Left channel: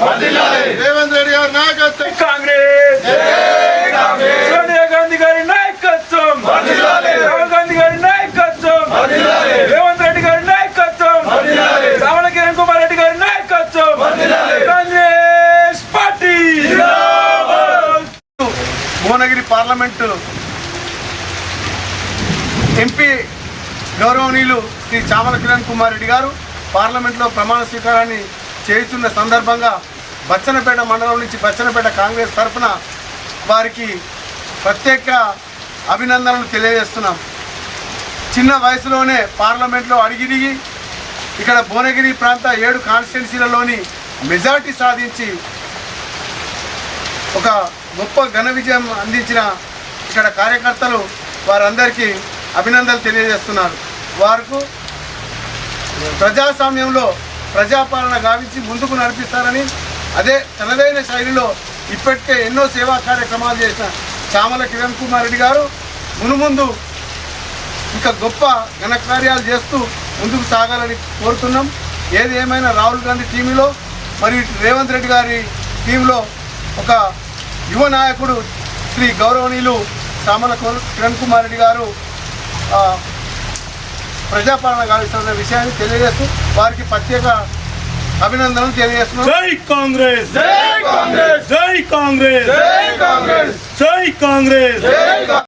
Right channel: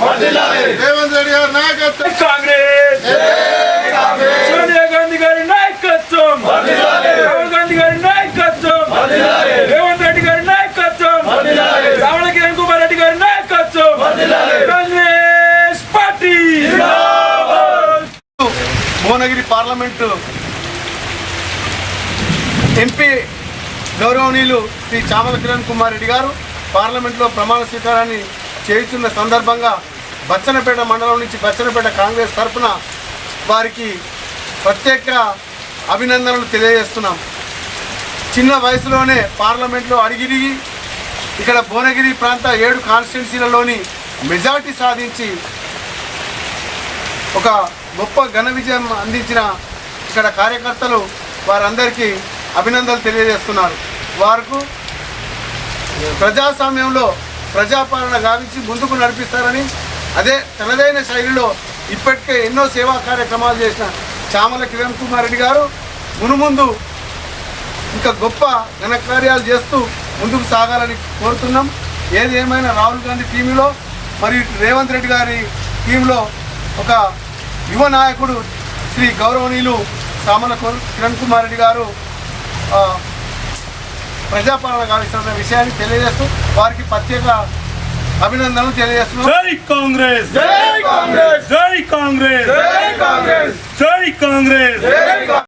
రేవంత్ రెడ్డి గారి నాయకత్వం, కాంగ్రెస్ సోనియా గాంధీ గారి నాయకత్వం, రాహుల్ గాంధీ గారి నాయకత్వం, రేవంత్ రెడ్డి గారి నాయకత్వం, శ్రావణ కిరణ్ కుమార్ రెడ్డి గారి నాయకత్వం, Congress party. Bhuvanagiri parliament MP గౌరవనీయులు శ్రీ చామల కిరణ్ కుమార్ రెడ్డి గారు పార్లమెంట్లో ప్రమాణ స్వీకారాన్ని చేస్తున్న సందర్భంగా బచ్చన్నపేట మండలం నుంచి బచ్చన్నపేట కాంగ్రెస్ తరఫున వారికి ప్రత్యేక అభినందనలు తెలియజేస్తున్నాం. చిన్న వయసులోనే పార్లమెంట్లో అడిగిరిగి ఇక్కడ భువనగిరి ప్రాంత 7 కాన్స్టిట్యున్సీలలోని మెజార్టీ సాధించి ఒక గొప్ప ఘన విజయం అందించిన ఇక్కడ కార్యకర్తలు వారందరికీ అభినందనలు తెలియజేస్తున్నారు. వారికి ప్రజాస్వామ్యంలో ప్రజాపాలన గావించి ముందుకు నడిపిస్తారని, అదే తనదైన శైలిలో ఇప్పటికే ఎన్నో సేవా కార్యక్రమాలు చేసిన చామల కిరణ్ కుమార్ రెడ్డి గారు మునుముందు ఇంకా గొప్ప ఘనకార్యాలు చేస్తూ ముందుకు సాగాలని కోరుతున్నాం. ఏది ఏమైనా రాహుల్ గాంధీ టీంలో మరియు రేవంత్ రెడ్డి గారి టీంలో ఒక యువ నాయకుడు శ్రీ గౌరవనీయులు చామల కిరణ్ కుమార్ రెడ్డి గారు ప్రజాపాలన కావాల్సిన విషయాన్ని తెలియజేస్తూ వారికి ప్రత్యేక అభినందనలు తెలియజేస్తున్నాం. జై కాంగ్రెస్, జై కాంగ్రెస్, జై కాంగ్రెస్, జై కాంగ్రెస్, జై కాంగ్రెస్.